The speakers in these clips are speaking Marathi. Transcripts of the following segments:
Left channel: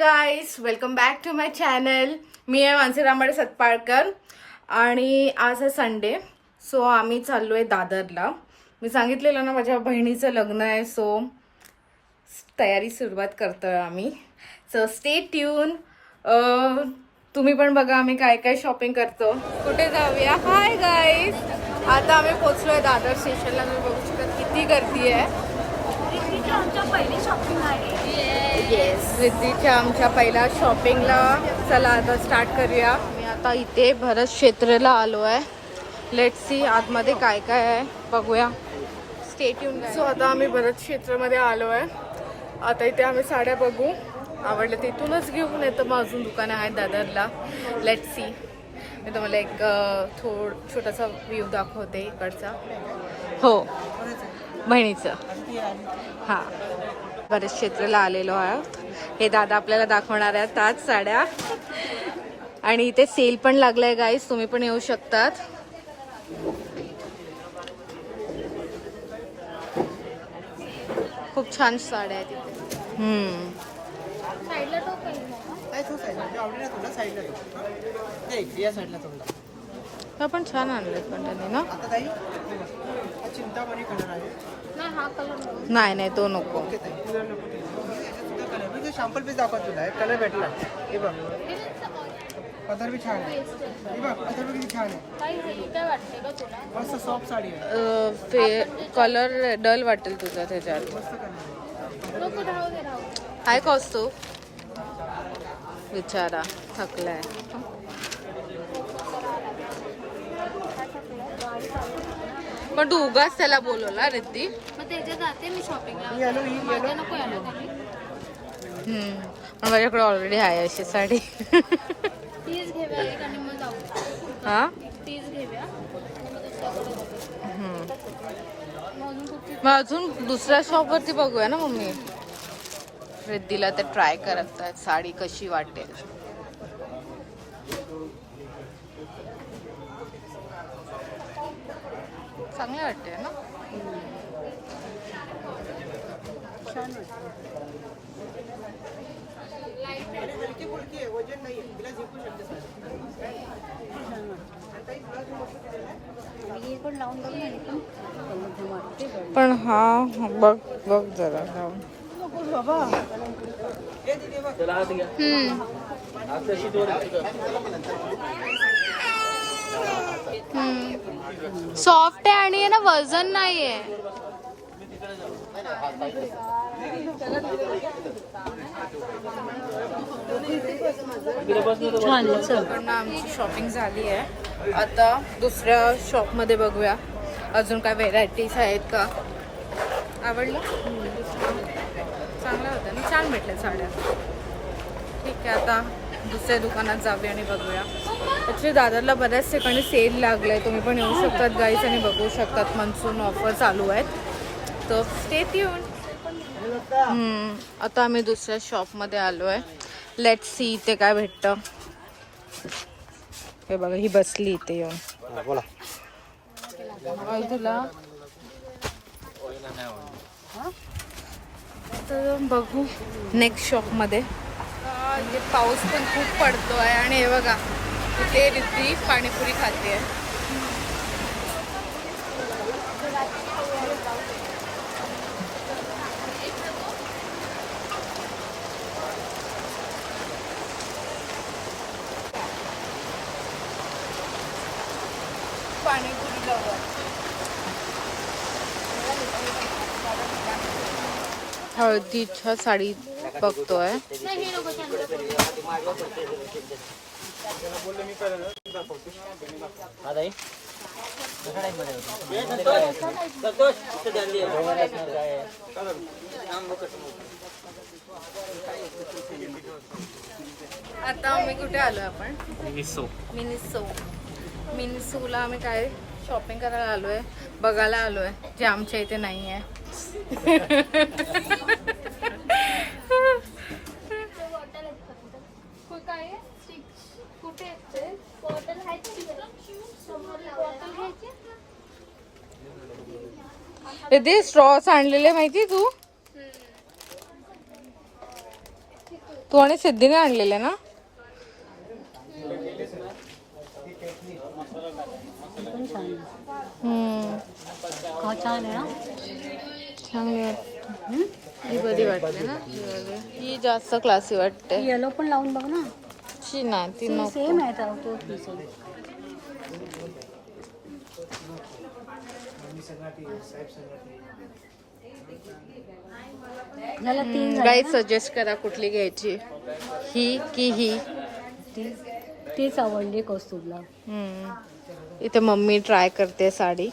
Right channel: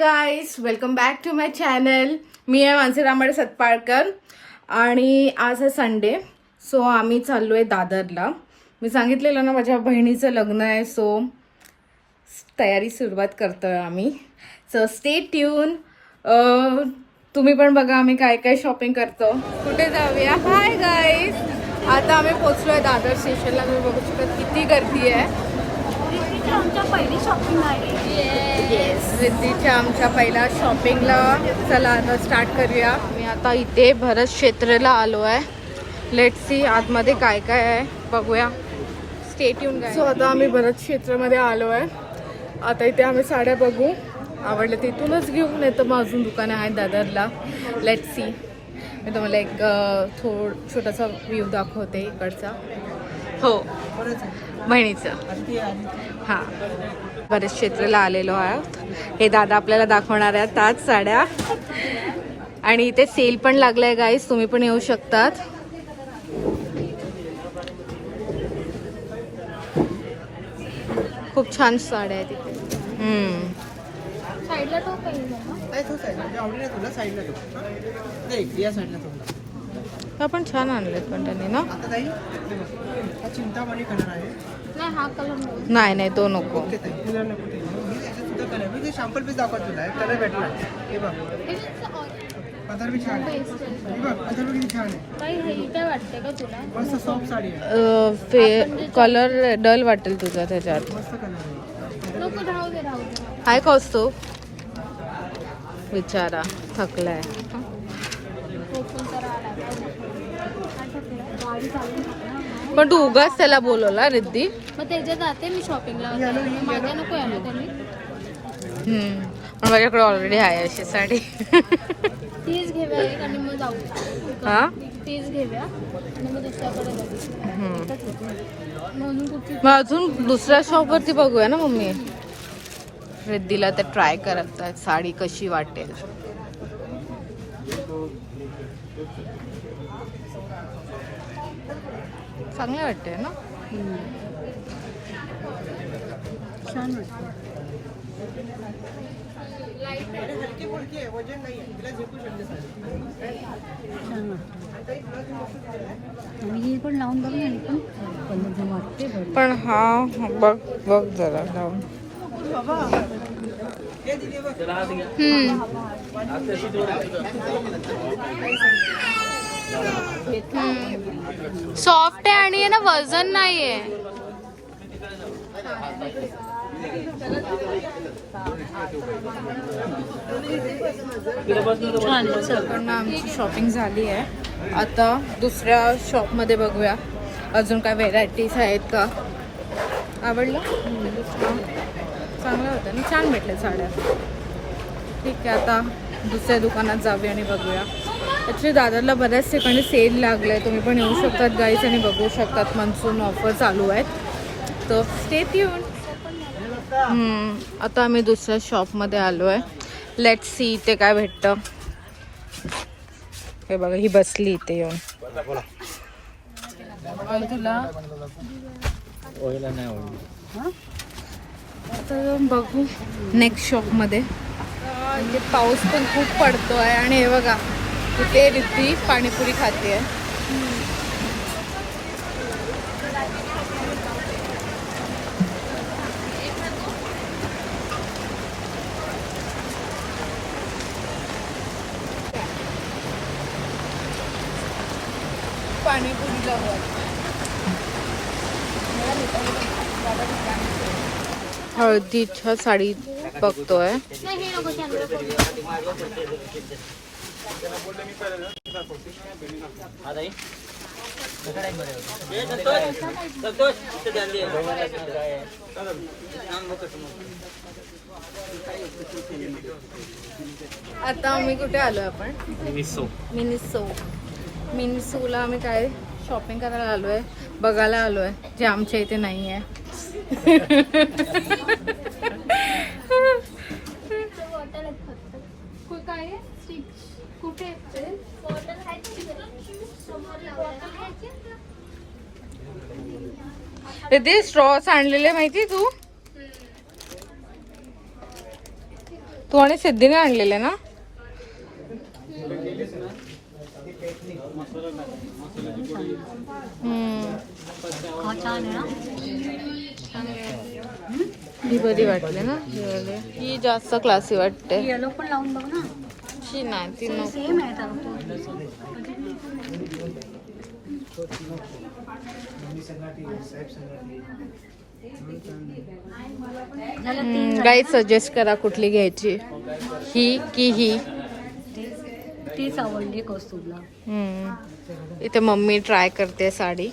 Guys, welcome back to my channel. मी आहे मानसी रामाडे सतपाळकर आणि आज आहे संडे. सो आम्ही चाललो आहे दादरला. मी सांगितलेलं ना माझ्या बहिणीचं लग्न आहे, सो तयारी सुरुवात करतोय आम्ही. So stay tune. तुम्ही पण बघा आम्ही काय काय शॉपिंग करतो. कुठे जाऊया. हाय गाईज, आता आम्ही पोहोचलोय दादर स्टेशनला. तुम्ही बघू शकता किती गर्दी आहे. आमच्या पहिली शॉपिंग आहे. रिद्धीच्या आमच्या पहिला शॉपिंगला. चला आता स्टार्ट करूया. मी आता इथे भरत क्षेत्रला आलो आहे. लेट्स सी आतमध्ये काय काय आहे बघूया. Stay tune. सो आता आम्ही भरत क्षेत्रामध्ये आलो आहे. आता इथे आम्ही साड्या बघू, आवडलं तिथूनच घेऊ, नाही तर मग अजून दुकानं आहेत दादरला. Let's see. मी तुम्हाला एक छोटासा व्ह्यू दाखवते इकडचा. हो, बहिणीचं. हां, बरेच क्षेत्राला आलेलो आहोत. हे दादा आपल्याला दाखवणार आहेत त्याच साड्या. आणि इथे सेल पण लागलाय गाईस, तुम्ही पण येऊ शकतात. खूप छान साड्या आहेत इथे. साईडला टॉप हा पण छान आणलेत पण त्यांनी ना. नाही, हा कलर नाही नाही, तो नको. सॅम्पल पीस दाखवत तुला कलर भेटला. हे बघ, कलर बी छान आहे. कलर बी छान आहे. काय वाटतंय का तुला? मस्त सॉफ्ट साडी आहे. कलर डल वाटेल तुझा त्याच्यात. मस्त कलर आहे. राहू दे. हाय कौस्तू, बिचारा थकलाय. पण तू उगाच त्याला बोलवला रिद्धी. मग त्याच्या जाते मी शॉपिंगला. माझ्या नको आहे ना त्यांनी. पण माझ्याकडे ऑलरेडी आहे अशी साडी. तीच घेऊया आणि मग जाऊ. हा, तीच घेऊया आणि मग दुसऱ्याकडे म्हणून कुठची. मग अजून दुसऱ्या शॉप वरती बघूया ना मम्मी. रिद्धीला ते ट्राय करत आहेत साडी कशी वाटेल. चांगली वाटते ना. पण हा बघ बघ जरा लावून. सॉफ्ट आहे आणि ना वजन नाहीये. कडनं आमची शॉपिंग झाली आहे. आता दुसऱ्या शॉप मध्ये बघूया अजून काय व्हेरायटीज आहेत का. आवडलं, चांगलं होतं ना, छान भेटल्या साड्या. ठीक आहे, आता दुसऱ्या दुकानात जाऊया आणि बघूया. ॲक्च्युली दादरला बऱ्याच ठिकाणी सेल लागलाय, तुम्ही पण येऊ शकतात गाईज आणि बघू शकतात. मान्सून ऑफर चालू आहेत, तर स्टे ट्यून. आता आम्ही दुसऱ्या शॉपमध्ये आलो आहे. लेट्स सी इथे काय भेटतं. हे बघा, ही बसली इथे येऊन. तुला तर बघू नेक्स्ट शॉपमध्ये. इथे पाऊस पण खूप पडतोय आणि हे बघा इथे रिद्धी पाणीपुरी खाते. पाणीपुरी जवळ हळदीच्या साडी बघतोय. आता आम्ही कुठे आलोय आपण. मिनिसोला आम्ही काय शॉपिंग करायला आलोय, बघायला आलोय, जे आमच्या इथे नाही आहे. ते स्ट्रॉस आणलेले माहिती तू. तू आणि सिद्धीने आणलेले ना? हा छान आहे ना. चांगली ही बरी वाटली ना, ही जास्त क्लासी वाटते. येलो पण लावून बघ ना. शी ना ती नको. सेम आहे तो. गाईड सजेस्ट करा कुठली घ्यायची, ही की ही. तेच आवडली कौस्तुभला. इथे मम्मी ट्राय करते साडी.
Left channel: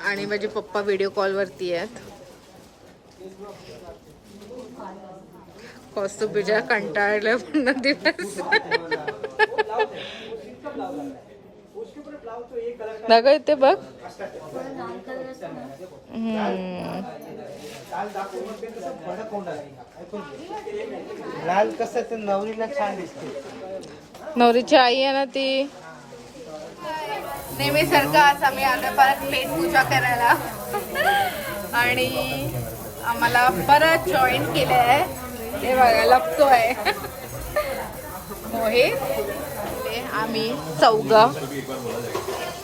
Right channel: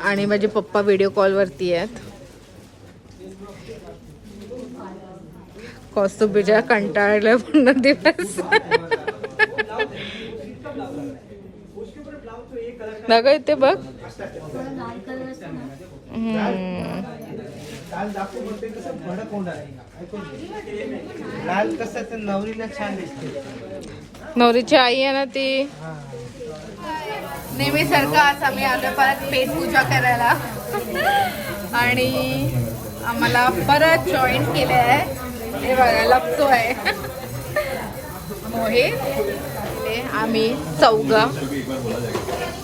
आणि माझे पप्पा व्हिडिओ कॉल वरती आहेत. कौस्तुभीच्या कंटाळलं पूर्ण दिवस. नग इथे बघ. लाल कलर असतो ना. लाल कसं ते नवरीला छान दिसते. नवरीची आई आहे ना ती. नेहमी सारखं आज आम्ही आलो परत पेट पूजा करायला. आणि आम्हाला परत जॉईन केले आहे. हे बघा लपतोय मोहित. आम्ही चौघं.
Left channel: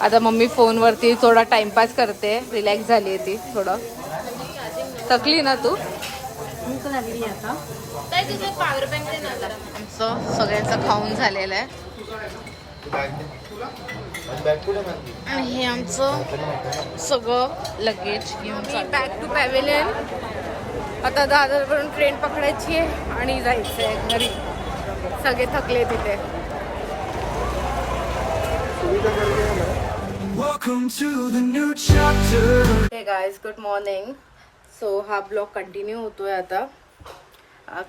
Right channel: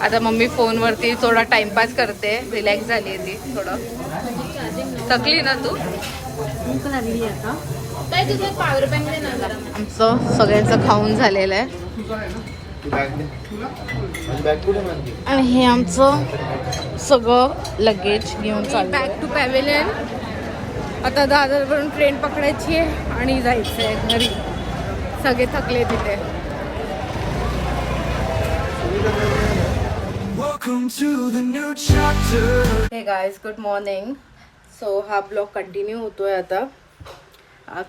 आता मम्मी फोनवरती थोडा टाइमपास करते. रिलॅक्स झाली आहे ती थोडं. थकली ना तू? भूक लागली आता. काय तुझं पॉवर बँक दे ना जरा. आमचं सगळ्यांचं खाऊन झालेलं आहे. आणि हे आमचं सगळं लगेज घेऊन चाललं. Back to pavilion. आता दादरवरून ट्रेन पकडायची आहे आणि जायचं आहे घरी. सगळे थकले तिथे. हे गाईज गुड मॉर्निंग. सो हा ब्लॉग कंटिन्यू होतोय आता.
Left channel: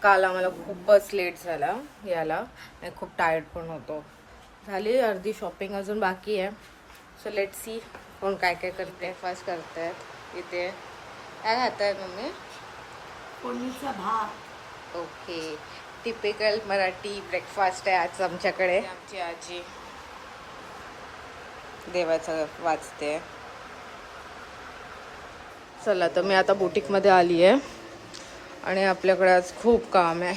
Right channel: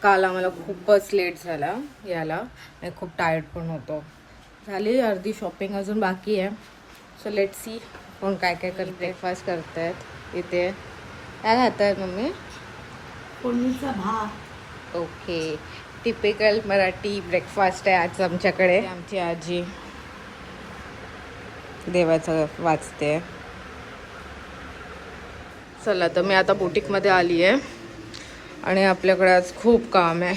काल आम्हाला खूपच लेट झाला याला आणि खूप टायर्ड पण होतो. झाली अर्धी शॉपिंग अजून बाकी आहे. सो लेट सी कोण काय काय करते. ब्रेकफास्ट करतायत इथे. काय खात आहेत मम्मी? फोडणीचा भात. ओके. टिपिकल मराठी ब्रेकफास्ट आहे आज आमच्याकडे. आमची आजी देवाचं वाचते. चला तर मी आता बुटीकमध्ये आली आहे आणि आपल्याकडे आज खूप काम आहे.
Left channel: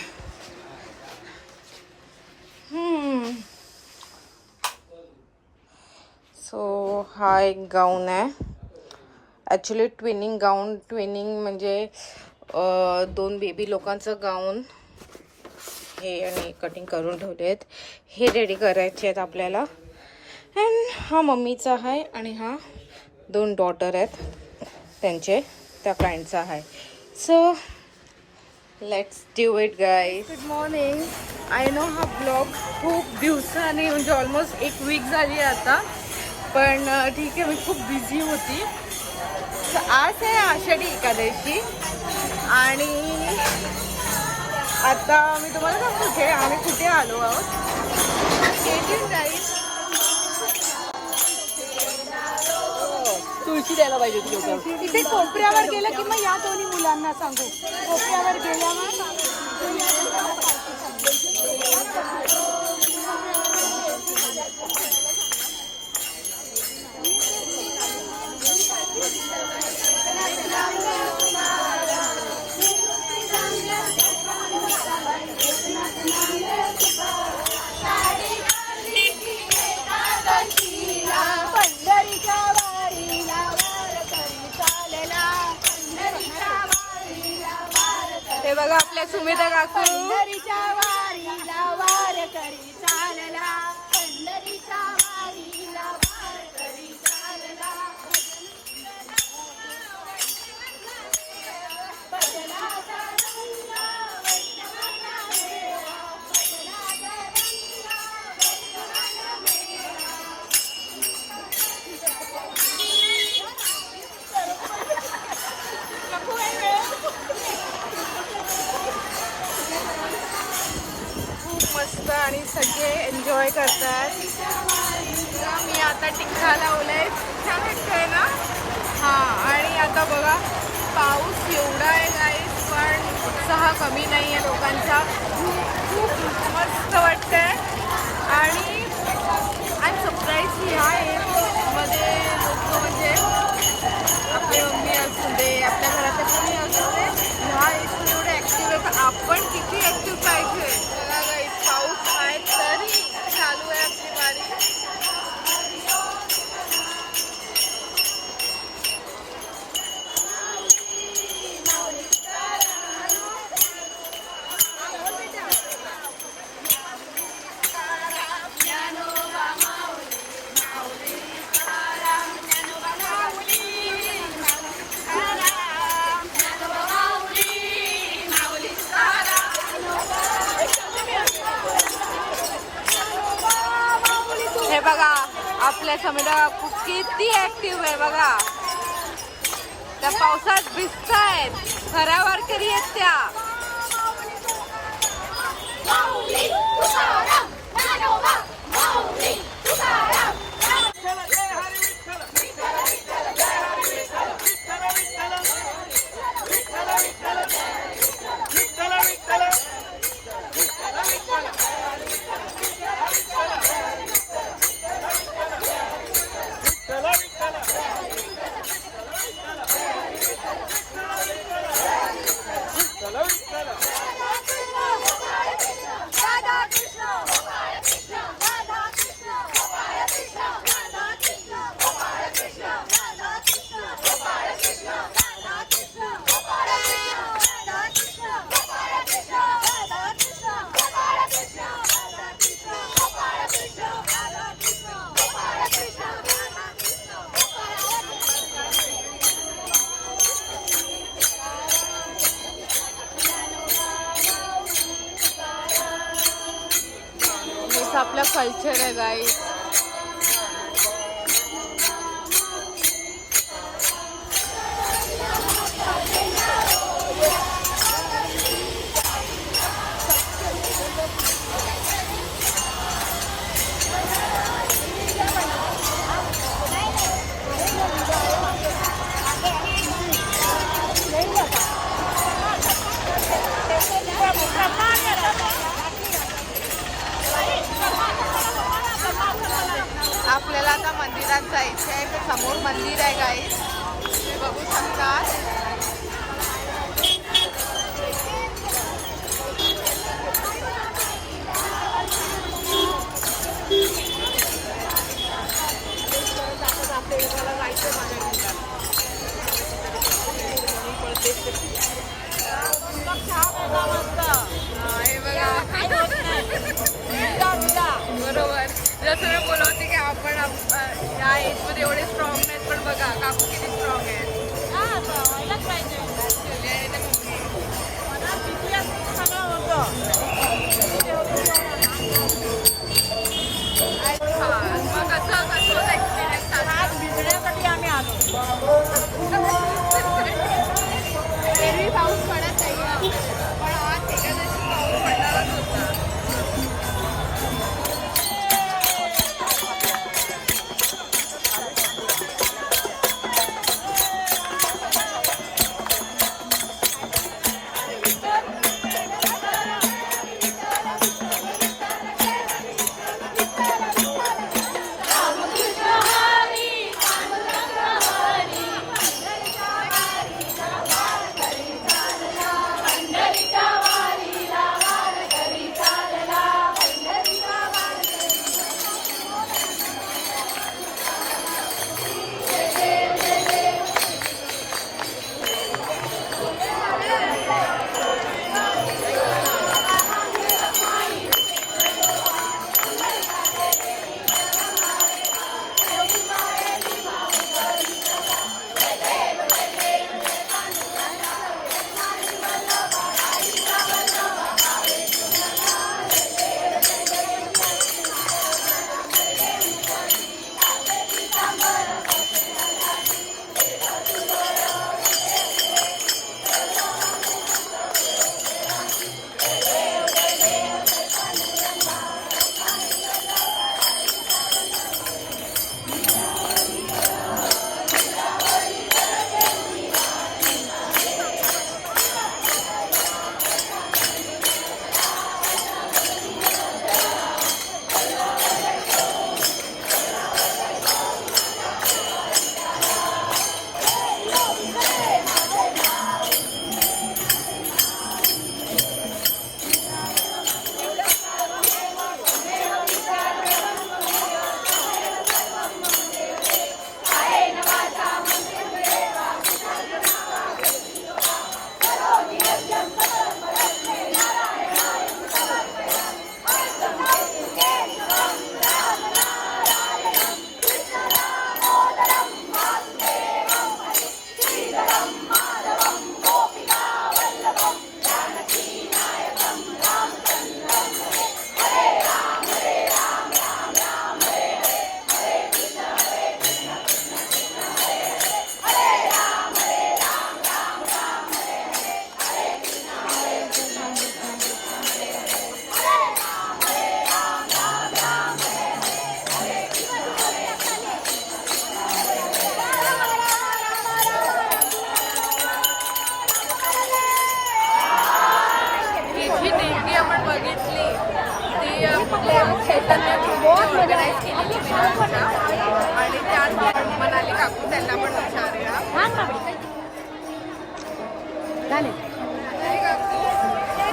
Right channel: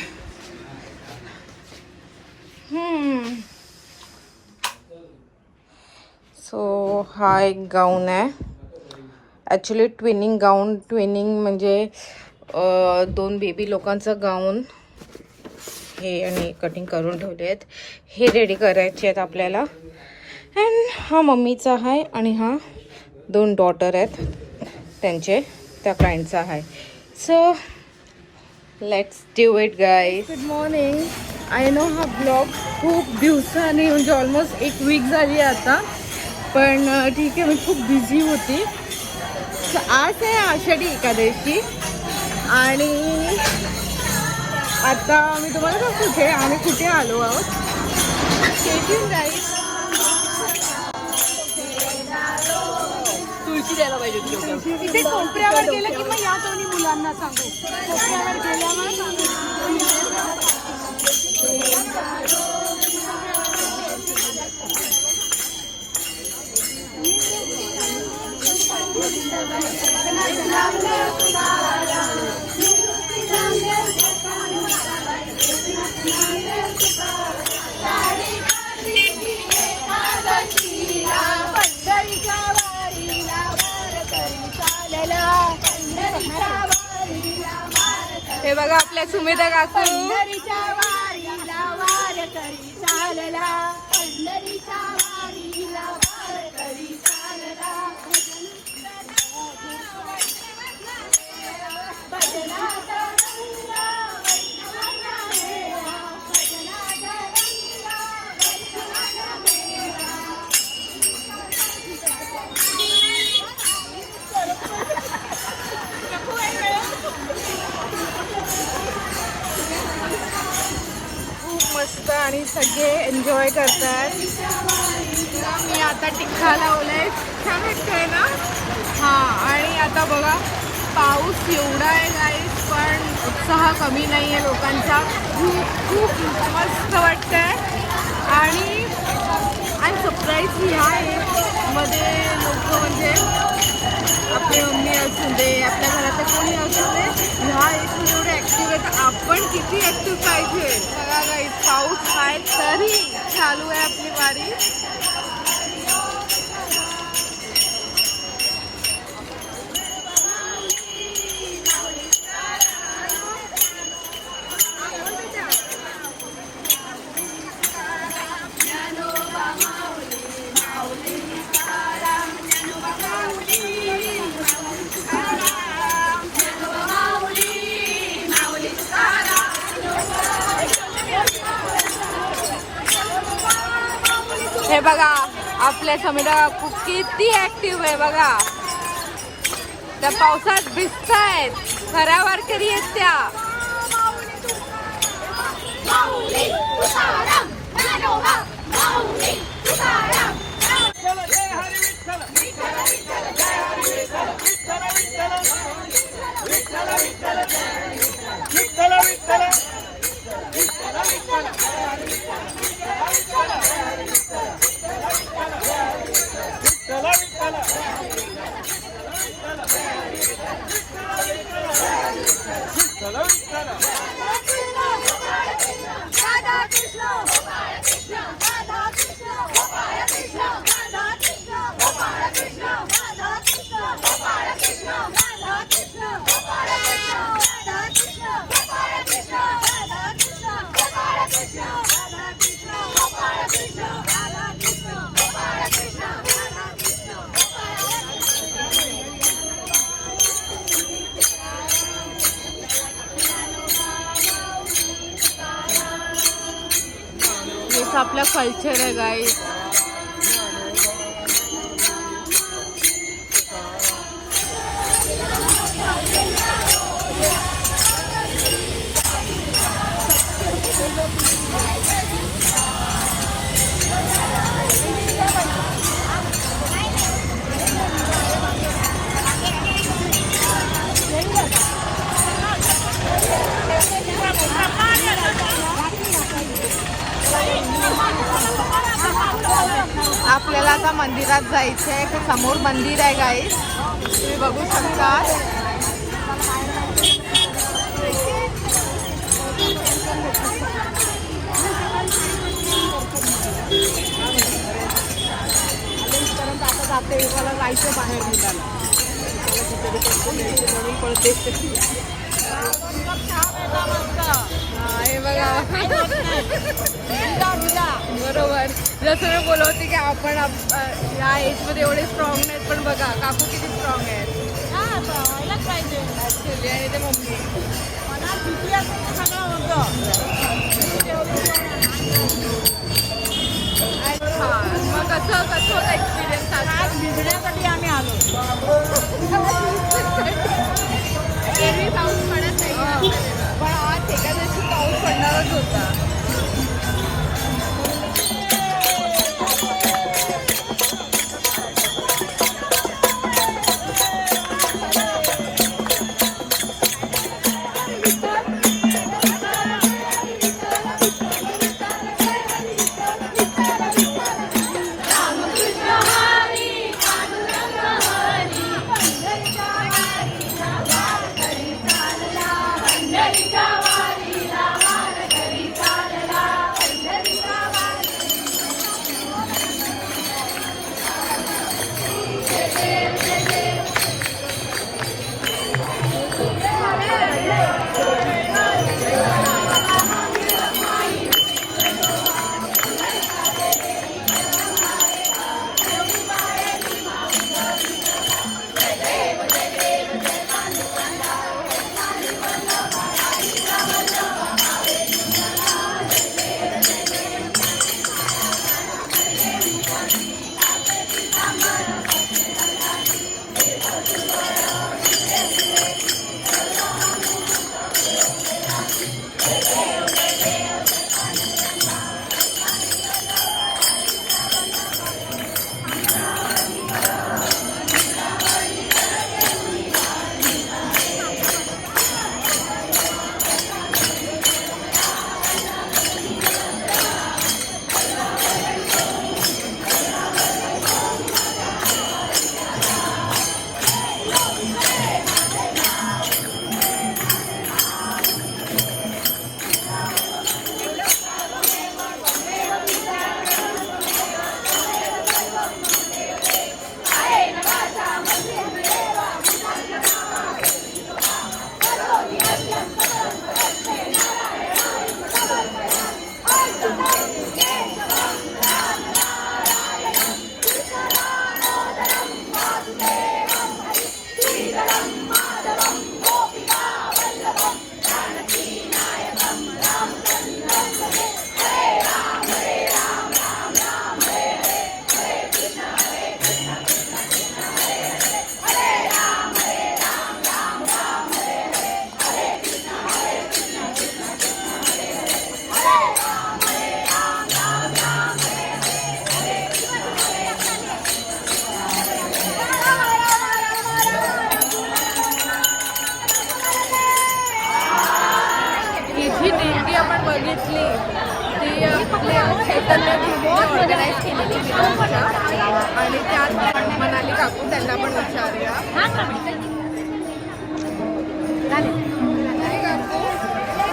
सो हा एक गाऊन आहे. ॲक्च्युली ट्विनिंग गाऊन. ट्विनिंग म्हणजे 2 बेबी लोकांचं गाऊन. हे आणि कटिंग करून ठेवले आहेत. हे रेडी करायचे आहेत आपल्याला. अँड हा मम्मीचा आहे आणि हा 2 डॉटर आहेत त्यांचे, त्या क्लायंटचा आहे. So let's do it guys. Good morning. I know हा ब्लॉग खूप दिवसांनी म्हणजे ऑलमोस्ट 1 वीक झाली आहे आता. पण ठीक आहे, मी खूप बिझी होती. आज आहे आषाढी एकादशी आणि आता मी तुम्हाला सांगते आम्ही कुठे आलो आहोत. Stay tuned guys. तुळशी द्यायला पाहिजे इथे कोपऱ्यावर गेलं की मग या दोन्ही मुलांना सांगू. कोपऱ्यावर गेल्यावर हे बघा आपल्या सुमेधा काकू. पंढरीच्या वारीला वारकरी चालला. पंढरीच्या वारीला वारकरी चालला. मस्त आणि सगळे एन्जॉय करतात. मी आता टिक्का लावलाय. छान वाटतंय ना. हां आणि आता बघा पाऊस एवढा आहे गाईस पण उत्साह कमी नाही आहे लोकांचा. खूप खूप मस्त वाटतंय. आणि आय एम सरप्राईज ह्या एजमध्ये लोक म्हणजे आपली मम्मी असू दे, आपल्या घरातले कोणी असू दे, ह्या एजमध्ये एवढे ऍक्टिव्ह आहे तर आपण किती ऍक्टिव्ह पाहिजे. बघा गाईस, पाऊस आहे तरी चालू आहे आपली वारी. हे बघा आपल्या समीरा काकू किती ऍक्टिव्ह आहे बघा. त्या पावसात भिजतायत, खऱ्या वारकरी आहेत त्या. आपला कल्चर आहे गाईस. आपल्याला आता मंदिरात जायचं आहे. ते समोर मंदिर आहे गाईस, तुम्ही बघू शकतात. हे बघा बरोबर, जसं मी बोलत होते की आपण या एज मध्ये एवढे स्ट्रॉंग नाहीत, पण बघा काकू किती स्ट्रॉंग आहेत. व्हायलाच पाहिजे. मनात भीती असेल तर सगळं होतं. मग कसं होतं एक्सपिरियन्स? आज भिजण्यासाठी आम्ही आलो. पण आज एकादशी पाऊस पडणारच होता. ही जी दिंडी आपण बघितली ती आपल्या चैतन्य ग्रुपने ऑर्गनाईज केलेली विरारच्या, आणि त्यात मनाली काकू त्यांना पण विचारूया. मनाली काकू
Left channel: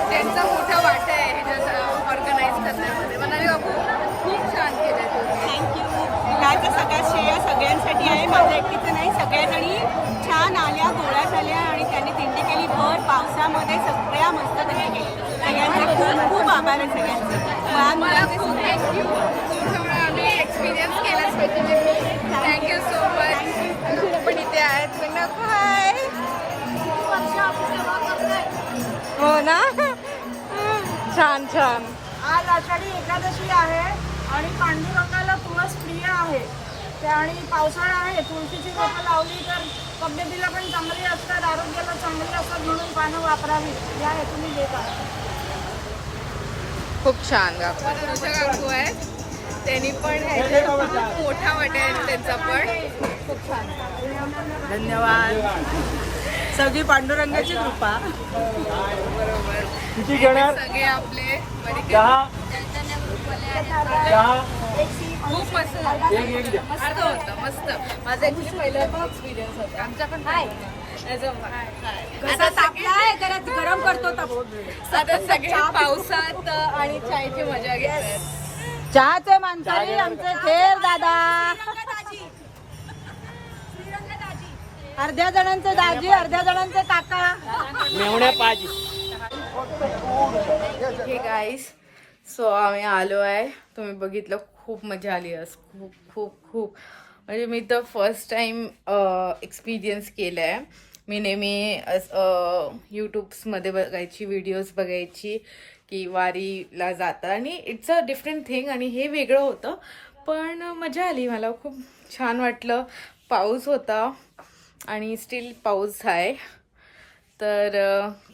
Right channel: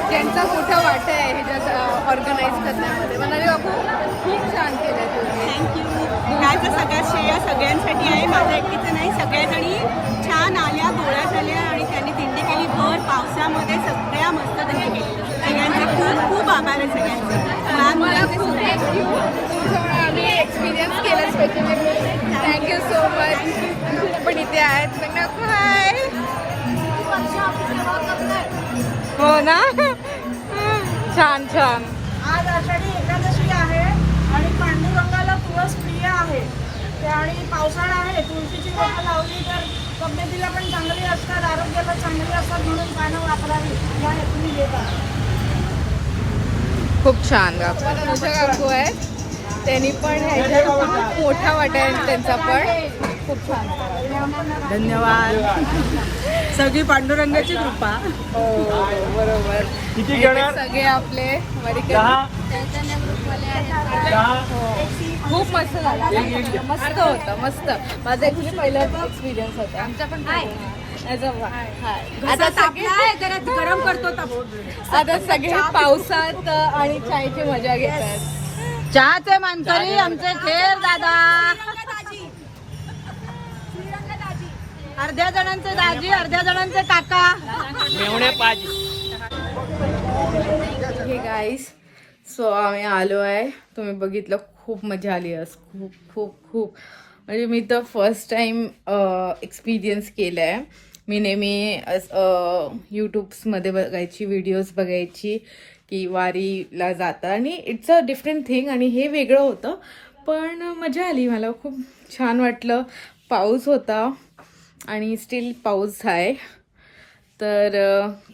ज्यांचा मोठा वाटा आहे ह्याच्यात ऑर्गनाईज करण्यामध्ये. मनाली काकू खूप छान केलंय तुम्ही. ह्याचं सगळ्यात श्रेय सगळ्यांसाठी आहे, माझं एकटीचं नाही. सगळ्याजणी छान आल्या, गोळ्या झाल्या आणि त्यांनी दिंडी केली. भर पावसामध्ये सगळ्या मस्त दिंडी केली. सगळ्यांचे खूप खूप आभार आहे सगळ्यांचे. मला खूप थँक्यू, तुमच्यामुळे आम्ही एक्सपिरियन्स केला स्पेशली. Thank you so much. पण इथे आहेत हाय. हो ना, छान छान. आज आषाढी एकादशी आहे आणि पांडुरंगाला तुळस प्रिय आहे आणि पावसाळा आहे. तुळशीची रोपं लावली तर तब्येतीला पण चांगली असतात, आरोग्याला चांगली असतात, म्हणून पानं वापरावी या हेतूने देत आहे. खूप छान काकू. अनुषा काकू आहेत, त्यांनी पण ह्याच्यात खूप मोठा वाटा आहे त्यांचा पण. खूप छान. धन्यवाद. सगळी पांडुरंगाची कृपा. हो बरोबर. किती घेणार? सगळे आपले चैतन्य ग्रुपवाले आहेत. खूप मस्त झालं. मस्त होतं, मस्त. माझा ऍक्च्युली पहिला एक्सपिरियन्स होता. आमचा पण आता तापलाय जरा गरम करतो. आता सगळे पावसात आणि चायची मजा घेत. चहाचे मानकरी आमचे थेर दादा. अर्ध्या जणांचे दाजी, अर्ध्या जणांचे काका. हे गाईस, सो आम्ही आलो आहे. तुम्ही बघितलं, खूप मजा आली आज. खूप खूप खूप म्हणजे मी तर फर्स्ट टाइम एक्सपिरियन्स केलं आहे. मी नेहमी यूट्यूब्समध्ये बघायची, व्हिडिओज बघायची की वारीला जातं आणि इट्स अ डिफरंट थिंग, आणि हे वेगळं होतं. पण मजा आली, मला खूप छान वाटलं. पाऊस होता आणि स्टील पाऊस आहे, तर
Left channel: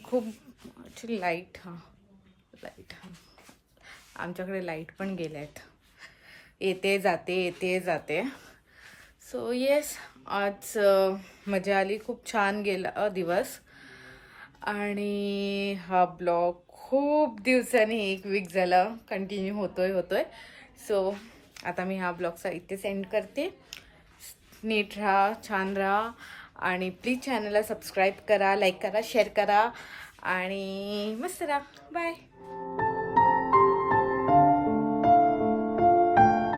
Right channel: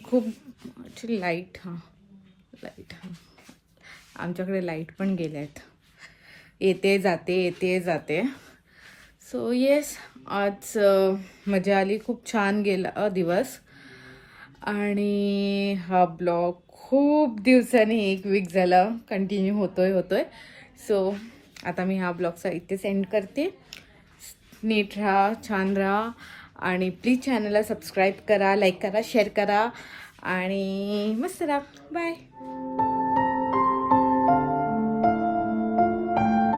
खूप ॲक्च्युली लाईट आमच्याकडे लाईट पण गेल्या आहेत, येते जाते. सो येस, आज मजा आली. खूप छान गेला दिवस. आणि हा ब्लॉग खूप दिवसांनी, 1 वीक झाला कंटिन्यू होतोय. सो आता मी हा ब्लॉगचा इथे सेंड करते. नीट राहा, छान राहा, आणि प्लीज चॅनलला सबस्क्राईब करा, लाईक करा, शेअर करा आणि मस्त राहा. बाय.